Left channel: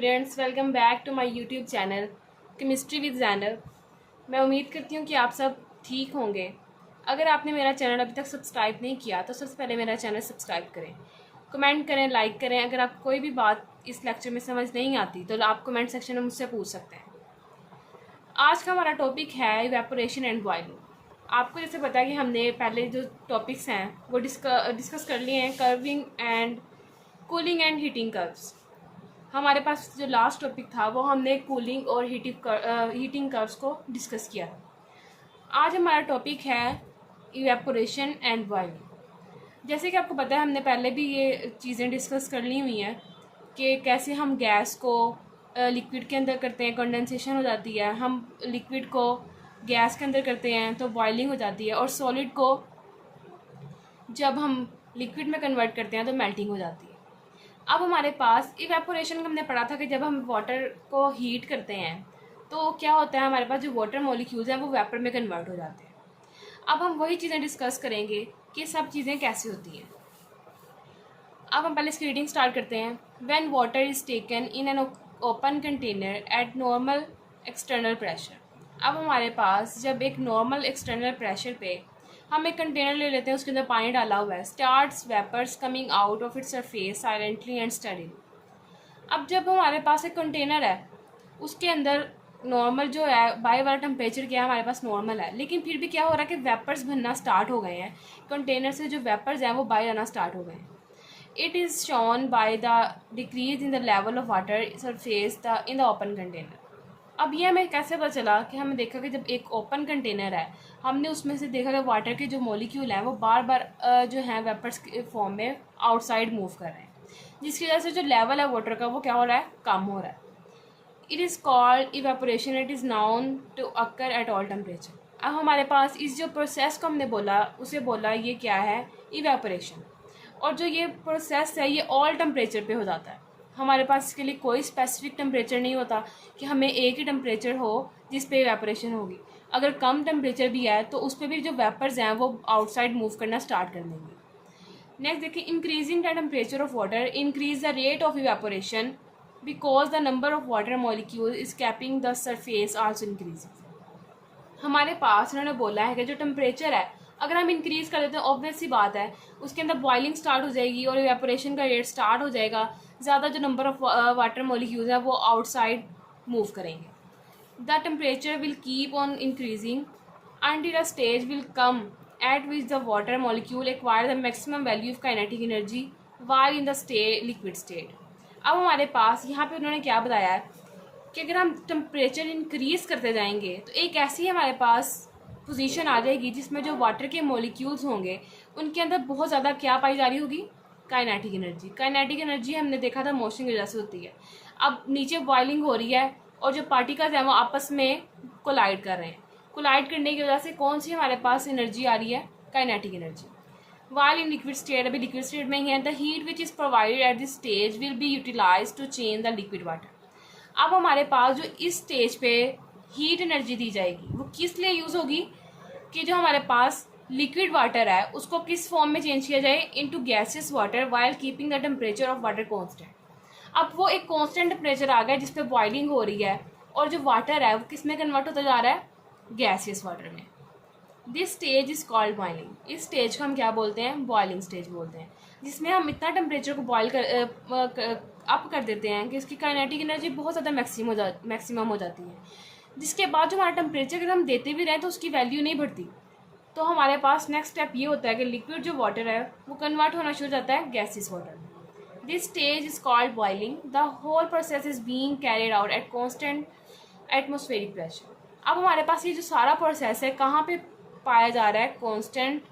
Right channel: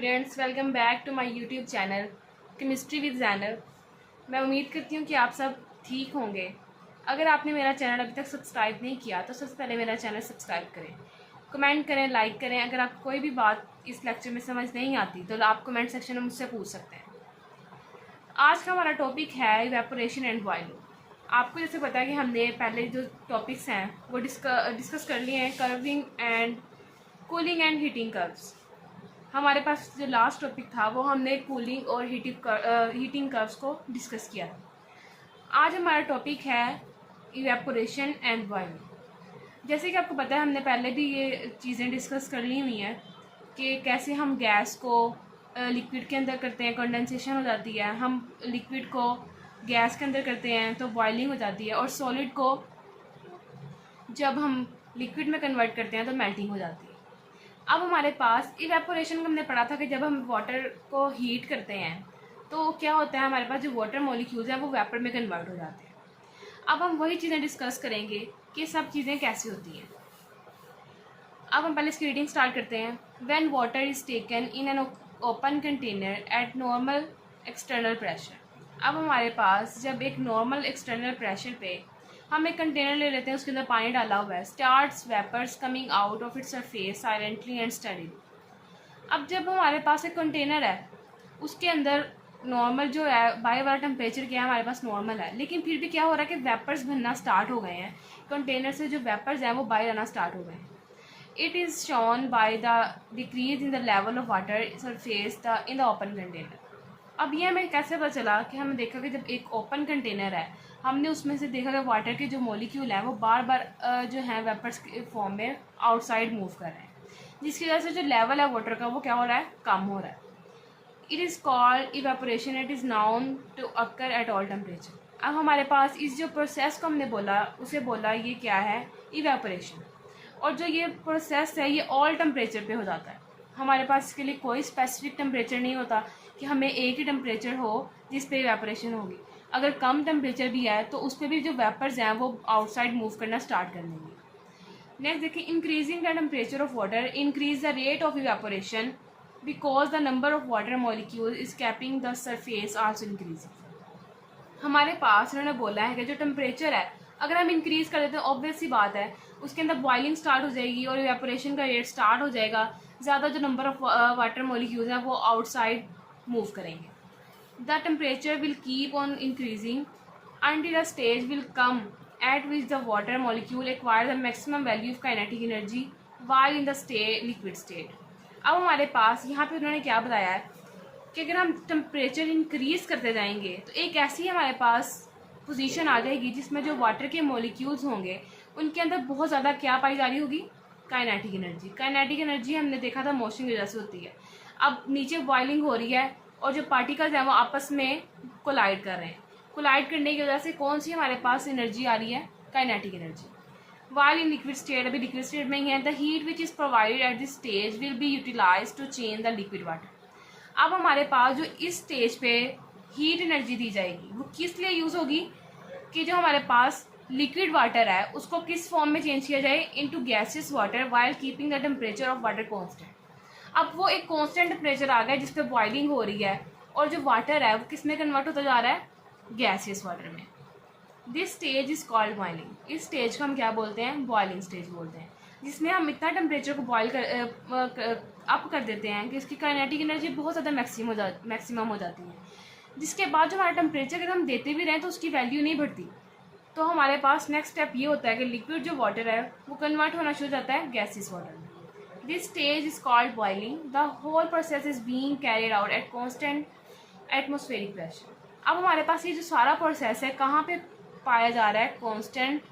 Students, welcome back to my YouTube channel chemistry with Zainab. मैं उम्मीद करती हूँ कि आप सब ठीक होंगे। अगर आपने मेरा चैनल अभी तक सब्सक्राइब नहीं किया तो सबसे पहले मेरा चैनल सब्सक्राइब करें, कमेंट करें, लाइक करें। अगर आपको कोई भी बात इस लेक्चर में समझ नहीं आती तो आप कमेंट सेक्शन में मुझसे पूछ सकते हैं। आज का हमारा टॉपिक है इवेपोरेशन एंड बॉइलिंग। आपको जैसे पता है कि हमने पहले जो टॉपिक्स हैं वो डिस्कस कर लिए हैं, curving and cooling and heating curves. हमारे पास जो लास्ट टॉपिक था वो हमने कूलिंग और हीटिंग कर्व्स को डिस्कस किया। आज हमारा टॉपिक है इवेपोरेशन एंड बॉइलिंग। जैसे कि आपको पता है हमने पहले भी ये चीज़ें डिस्कस कर ली हुई हैं कि कैसे हम गैस को लिक्विड के अंदर करते हैं, कंडेंसेशन हो जाती है। हम लिक्विड को गैस के अंदर करते हैं तो बॉइलिंग हो जाती है, और सॉलिड को जब हम लिक्विड में कन्वर्ट करते हैं तो मेल्टिंग हो जाती है। अब हमारे पास इवेपोरेशन का हमने पढ़ा था कि जब हम वाटर को हीट करते हैं तो क्या होता है, हमारे पास जो वाटर मॉलिक्यूल्स हैं वो वेपर में कन्वर्ट हो जाते हैं। अब हम वही चीज़ें डिस्कस करेंगे कि सब चीज़ें कैसे होती हैं। अब हम पहले इसकी रीडिंग स्टार्ट करते हैं। When water is taken in an open container eight normal external pressure. अब हमारे पास जब एक नॉर्मल एक्सटर्नल प्रेशर पे हम एक कंटेनर ले लेते हैं, उसके अंदर पानी डाला हुआ है, starts vapours coming out of its surface silently and steadily. अब जब हमारे पास एक कंटेनर है, उसके अंदर नॉर्मल जो है बाहर वाला टेम्परेचर क्या है, हमारे पास नॉर्मल है, लेकिन फिर भी क्या हो रहा है कि वेपर्स बनना स्टार्ट हो गए हैं। कंटेनर से जो वेपर्स हैं वो बाहर आना स्टार्ट हो गए हैं। It is shown by the decrease in the level of water surface in the open container. अब ये हमें कैसे पता चला कि हमने देखा कि जब एक ओपन कंटेनर है, हमने उसमें से देखा कि वाटर के जो मॉलिक्यूल हैं वो बार बार जो हैं वेपर्स के फॉर्म में आउटसाइड मूव कर रहे हैं, जिसकी वजह से जो लेवल है वाटर का वो क्या हो रहा है, कम हो रहा है। It is called evaporation. It is known to occur at all temperature. अब हमारे पास इस जो प्रोसेस को हमने बोला, उसे बोला ये क्या है, इवेपोरेशन। और जो ये प्रोसेस है ये ऑल टेम्परेचर पे हो जाता है। हमारे पास इसके लिए कोई स्पेसिफिक टेम्परेचर नहीं होता कि हमें एक ही टेम्परेचर हो जिस पे इवेपोरेशन होगी। अगर कम टेम्परेचर भी है तो उस पर भी जो वेपर्स हैं वो आउटसाइड मूव करना स्टार्ट कर देंगे। नेक्स्ट देखिए, increasing the temperature of water increase the rate of evaporation because the number of water molecule is capping the surface also increasing. हमारे पास उन्होंने बोला है कि जो टेम्परेचर है अगर हम इंक्रीज कर देते हैं, ऑब्वियस सी बात है उसके अंदर बॉइलिंग स्टार्ट हो जाएगी और इवेपोरेशन का रेट स्टार्ट हो जाएगा। ज़्यादा जो नंबर ऑफ वाटर मॉलिक्यूल्स हैं वो आउटसाइड मूव करेंगे। The temperature will keep on increasing until a stage will come at which the water molecule acquire the maximum value of kinetic energy while in the liquid state। अब हमारे पास यहाँ पे उन्होंने क्या बताया है कि अगर हम टेम्परेचर इंक्रीज करते जाएंगे तो एक ऐसी हमारे पास पोजीशन आ जाएगी जिसमें जो वाटर के मॉलिक्यूल्स होंगे उनके अंदर बहुत ज़्यादा क्या पाई जा रही होगी, काइनेटिक एनर्जी। काइनेटिक एनर्जी हमने देखा था मोशन की वजह से होती है। अब नीचे बॉइलिंग हो रही है और जो पार्टिकल्स हैं वो आपस में कोलाइड कर रहे हैं। कोलाइड करने की वजह से कौन सी हमारे पास एनर्जी आ रही है, kinetic energy. While in liquid state, अभी लिक्विड स्टेट में ही है, the heat which is provided at this stage will be utilise to change the liquid water. अब हमारे पास जो इस स्टेज पे हीट एनर्जी दी जाएगी वो किस लिए यूज़ होगी कि जो हमारे पास लिक्विड वाटर है उसको किस फॉर्म में चेंज किया जाए, into gaseous water while keeping the temperature of water constant. अब वो एक कांस्टेंट टेम्परेचर आ गया जिस पे बॉइलिंग हो रही है और जो वाटर है वो किस में कन्वर्ट होता जा रहा है, गैसियस वाटर में। This stage is called boiling. इस स्टेज को हम क्या बोलते हैं, बॉइलिंग स्टेज बोलते हैं, जिसमें हम इतना टेम्परेचर को बॉयल अप कर देते हैं कि इसकी काइनेटिक एनर्जी बहुत ज़्यादा मैक्सिमम हो जाती है, जिसके बाद जो हमारा टेम्परेचर अगर हम देते भी रहें तो उसकी वैल्यू नहीं बढ़ती। तो हमारे पास नेक्स्ट स्टेप ये होता है कि लिक्विड जो वाटर है वो कन्वर्ट होना शुरू हो जाता है गैसियस वाटर में। This stage is called boiling. The whole process is being carried out at constant atmospheric pressure. अब हमारे पास ये जो सारा प्रोसेस है कहाँ पे पाया जा रहा है, कॉन्स्टेंट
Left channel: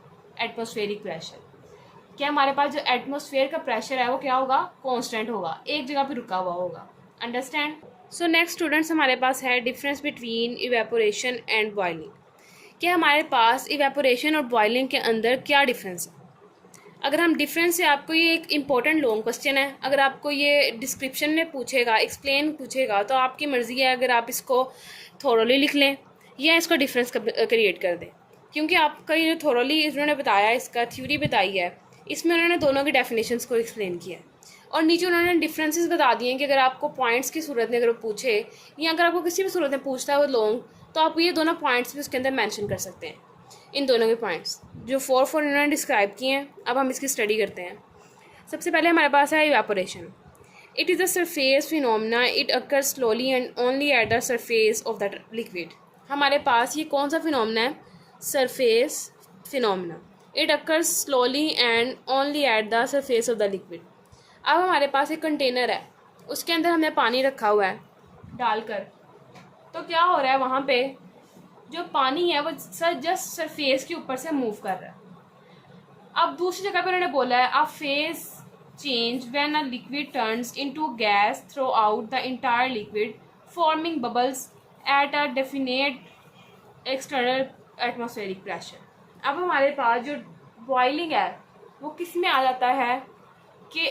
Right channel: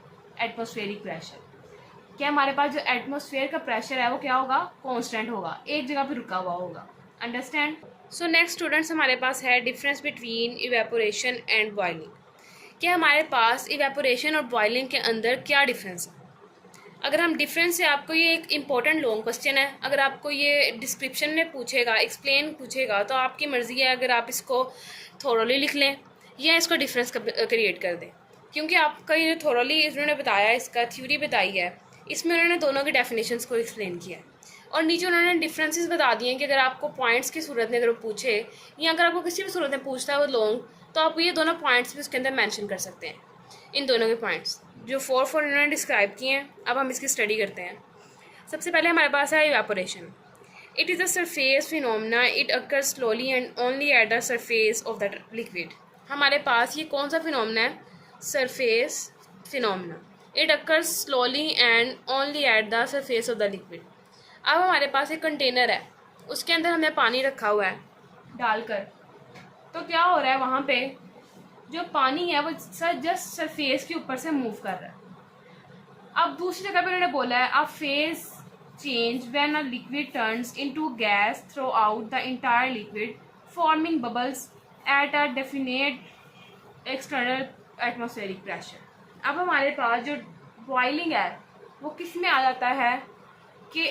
एटमोस्फेरिक प्रेशर। क्या हमारे पास जो एटमोस्फेयर का प्रेशर है वो क्या होगा, कॉन्स्टेंट होगा, एक जगह पे रुका हुआ होगा। अंडरस्टैंड। सो नेक्स्ट स्टूडेंट्स, हमारे पास है difference between evaporation and boiling. क्या हमारे पास इवेपोरेशन और बॉइलिंग के अंदर क्या डिफरेंस है। अगर हम डिफरेंस से, आपको ये एक इम्पोर्टेंट लॉन्ग क्वेश्चन है, अगर आपको ये डिस्क्रिप्शन में पूछेगा, एक्सप्लेन पूछेगा तो आपकी मर्ज़ी है अगर आप इसको थोरोली लिख लें या इसको डिफरेंस क्रिएट कर दें, क्योंकि आपका ये थोरोली इन्होंने बताया, इसका थ्योरी बताई है, इसमें उन्होंने दोनों की डेफिनेशंस को एक्सप्लेन किया है। और नीचे उन्होंने डिफरेंसेस बता दिए हैं कि अगर आपको पॉइंट्स की सूरत में अगर वो पूछे या अगर आपको किसी भी सूरत में पूछता है वो लॉन्ग, तो आप ये दोनों पॉइंट्स भी उसके अंदर मेंशन कर सकते हैं। इन दोनों के पॉइंट्स जो 4 इन्होंने डिस्क्राइब किए हैं, अब हम इसकी स्टडी करते हैं। सबसे पहले हमारे पास है evaporation. It is a surface phenomena, it occur slowly and only at the surface of the liquid. हमारे पास ये कौन सा फिनोमेना है? Surface phenomena. It occur slowly and only at the surface of the liquid. अब हमारे पास एक container है, उसके अंदर हमने पानी रखा हुआ है डालकर, तो क्या हो रहा है वहाँ पे जो पानी है वो जस्ट सरफेस के ऊपर से मूव कर रहा है। अब दूसरी जगह पे उन्होंने बोला है a phase change when a liquid turns into gas through out the entire liquid forming bubbles at a definite external atmospheric pressure. अब हमारे पास जो बॉइलिंग है वो किस में आ जाता है कि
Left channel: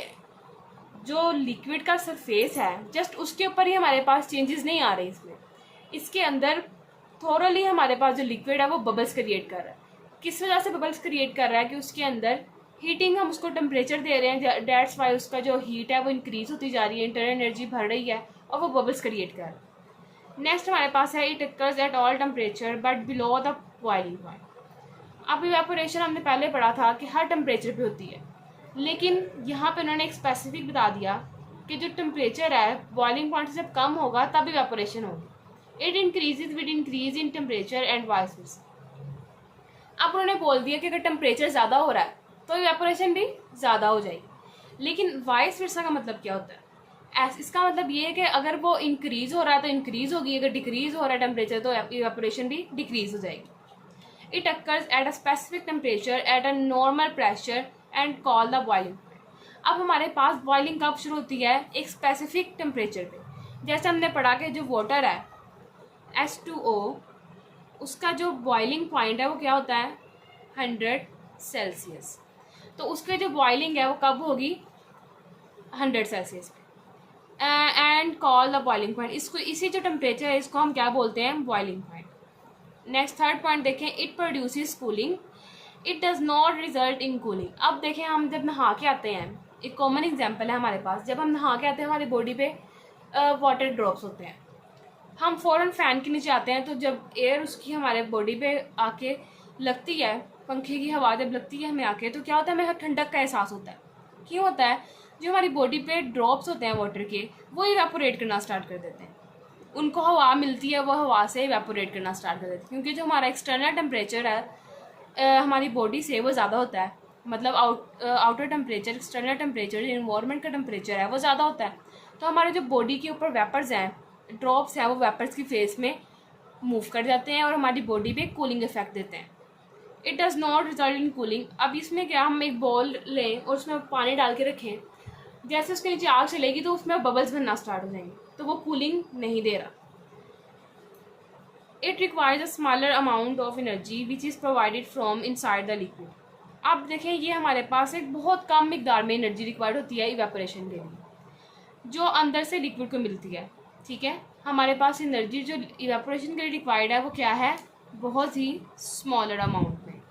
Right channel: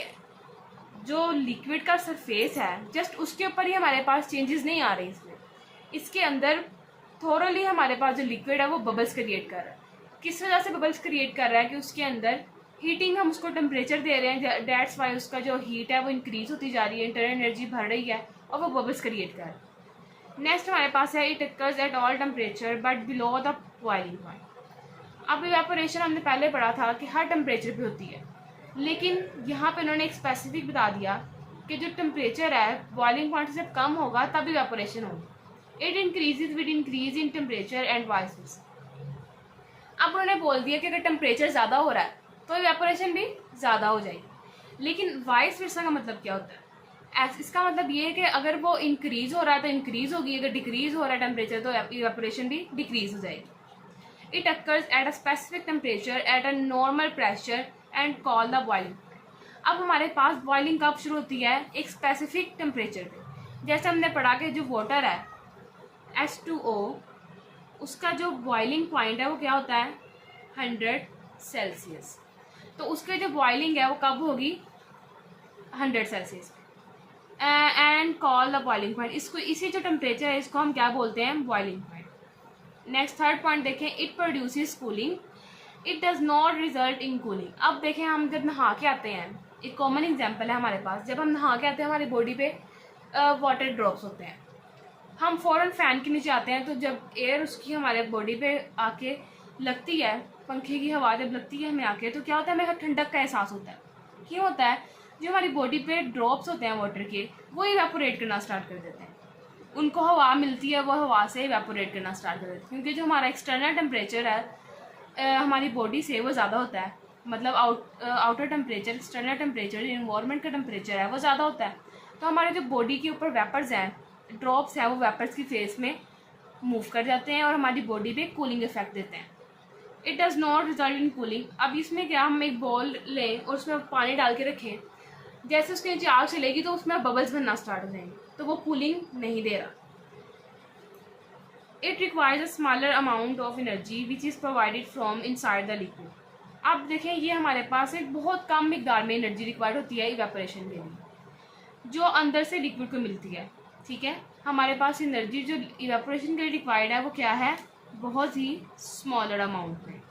जो लिक्विड का सरफेस है जस्ट उसके ऊपर ही हमारे पास चेंजेस नहीं आ रहे इसमें, इसके अंदर थोरली हमारे पास जो लिक्विड है वो बबल्स क्रिएट कर रहा है। किस वजह से बबल्स क्रिएट कर रहा है कि उसके अंदर हीटिंग, हम उसको टेम्परेचर दे रहे हैं, डेट्स वाई उसका जो हीट है वो इंक्रीज होती जा रही है, इंटरनल एनर्जी बढ़ रही है और वो बबल्स क्रिएट कर रहा है। नेक्स्ट हमारे पास है it occurs at all temperature but below the boiling point. अब इवेपोरेशन हमने पहले पढ़ा था कि हर टेम्परेचर पे होती है, लेकिन यहाँ पे उन्होंने एक स्पेसिफिक बता दिया कि जो टेम्परेचर है बॉइलिंग पॉइंट से कम होगा तब इवेपोरेशन होगी। It increases with increase in temperature and vice versa. अब उन्होंने बोल दिया कि अगर टेम्परेचर ज़्यादा हो रहा है तो इवेपोरेशन भी ज़्यादा हो जाएगी, लेकिन वाइस वर्सा का मतलब क्या होता है? इसका मतलब ये है कि अगर वो इंक्रीज हो रहा है तो इंक्रीज होगी, अगर डिक्रीज हो रहा है टेम्परेचर तो इवेपोरेशन भी डिक्रीज हो जाएगी। It occurs at a specific temperature at a normal pressure and call the boiling point. अब हमारे पास बॉइलिंग कब शुरू होती है? एक स्पेसिफिक टेम्परेचर पे। जैसे हमने पढ़ा कि जो वाटर है H2O, उसका जो बॉइलिंग पॉइंट है वो क्या होता है? 100 सेल्सियस। तो उसके जो बॉइलिंग है वो कब होगी? 100 सेल्सियस पे। And call the boiling point, इसको इसी जो टेम्परेचर है इसको हम क्या बोलते हैं? Boiling point. Next third point देखें, it produces cooling, it does not result in cooling. अब देखें हम जब नहा के आते हैं, एक कॉमन एग्जाम्पल है हमारे पास, जब हम नहा के आते हैं हमारी बॉडी पे वाटर ड्रॉप्स होते हैं, हम फ़ौरन फ़ैन के नीचे आते हैं तो जब एयर उसकी हमारे बॉडी पे आके लगती है, पंखे की हवा जब लगती है हमें आके, तो क्या होता है? हमें ठंडक का एहसास होता है। क्यों होता है? जो हमारी बॉडी पे ड्रॉप्स होते हैं वाटर के वो इवेपोरेट करना स्टार्ट कर देते हैं, उनको हवा मिलती है, वो हवा से इवेपोरेट करना स्टार्ट कर देते हैं, क्योंकि जो हमारा एक्सटर्नल टेम्परेचर है हमारी बॉडी से वो ज़्यादा होता है, मतलब outer temperature, external temperature, environment का टेम्परेचर है वो ज़्यादा होता है। तो हमारे जो बॉडी के ऊपर वेपर्स हैं, ड्रॉप्स हैं, वो वेपर्स की फेस में मूव कर जाते हैं और हमारी बॉडी पे कूलिंग इफेक्ट देते हैं। It does not result in cooling. अब इसमें क्या, हम एक बॉल लें और उसमें पानी डाल के रखें, जैसे उसके नीचे आग चलेगी तो उसमें बबल्स बनना स्टार्ट हो जाएंगे, तो वो कूलिंग नहीं दे रहा। It requires a smaller amount of energy which is provided from inside the liquid. अब देखें ये हमारे पास एक बहुत कम मिकदार में एनर्जी रिक्वायर्ड होती है इवेपोरेशन के लिए, जो अंदर से लिक्विड को मिलती है। ठीक है, हमारे पास एनर्जी जो इवेपोरेशन के लिए रिक्वायर्ड है वो क्या है? बहुत ही स्मॉलर अमाउंट में।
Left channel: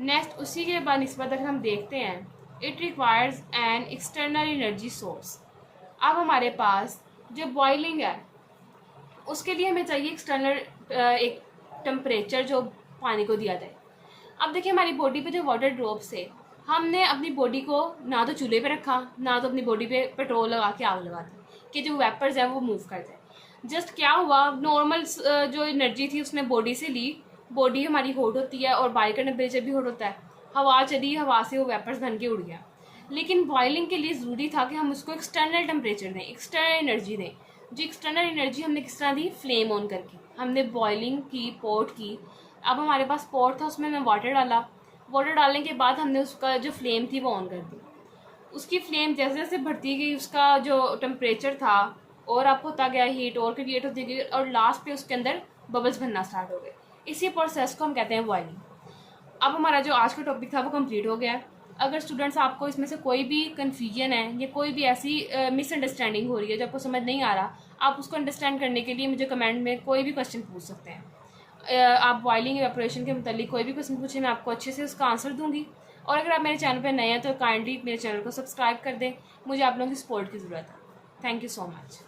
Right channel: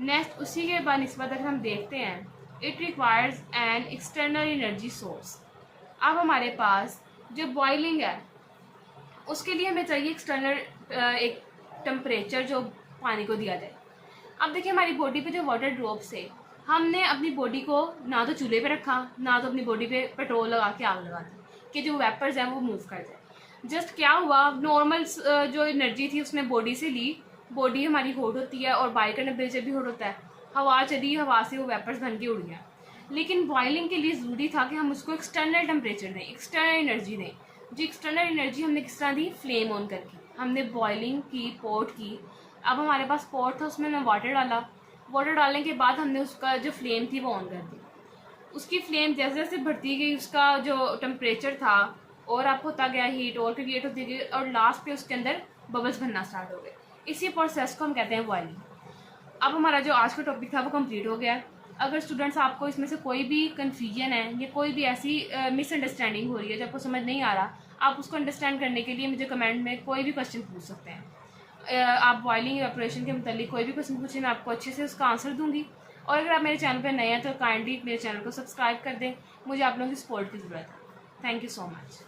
नेक्स्ट उसी के बाद निस्बत अगर हम देखते हैं, it requires an external energy source. अब हमारे पास जो बॉइलिंग है उसके लिए हमें चाहिए एक्सटर्नल एक टेम्परेचर जो पानी को दिया जाए। अब देखिए हमारी बॉडी पे जो वाटर ड्रॉप्स है, हमने अपनी बॉडी को ना तो चूल्हे पे रखा, ना तो अपनी बॉडी पे पेट्रोल लगा के आग लगा दी कि जो वेपर्स है वो मूव कर जाए। जस्ट क्या हुआ, नॉर्मल जो एनर्जी थी उसने बॉडी से ली, बॉडी हमारी हॉट होती है और बाहर का टेम्परेचर भी हॉट होता है, हवा चली, हवा से वो वेपर्स बन के उड़ गया। लेकिन बॉइलिंग के लिए ज़रूरी था कि हम उसको एक्सटर्नल टेम्परेचर दें, एक्सटर्नल एनर्जी दें। जो एक्सटर्नल एनर्जी हमने किस तरह दी? फ्लेम ऑन करके हमने बॉइलिंग की, पॉट की। अब हमारे पास पॉट था, उसमें हमने वाटर डाला, वाटर डालने के बाद हमने उसका जो फ्लेम थी वो ऑन कर दी। उसकी फ्लेम जैसे जैसे बढ़ती गई उसका जो टेम्परेचर था और अप होता गया, हीट और क्रिएट होती गई और लास्ट पे उसके अंदर बबल्स बनना स्टार्ट हो गए। इसी प्रोसेस को हम कहते हैं बॉइलिंग। अब हमारा जो आज का टॉपिक था वो कंप्लीट हो गया। अगर स्टूडेंट्स आपको इसमें से कोई भी कन्फ्यूजन है या कोई भी ऐसी मिसअंडरस्टैंडिंग हो रही है जो आपको समझ नहीं आ रहा, आप उसको अंडरस्टैंड करने के लिए मुझे कमेंट में कोई भी क्वेश्चन पूछ सकते हैं। आप बॉइलिंग इवेपोरेशन के मुतालिक कोई भी क्वेश्चन पूछे, मैं आपको अच्छे से उसका आंसर दूंगी। और अगर आप मेरे चैनल पर नए हैं तो काइंडली मेरे चैनल को सब्सक्राइब कर दें, मुझे आप लोगों की सपोर्ट की ज़रूरत है। Thank you so much.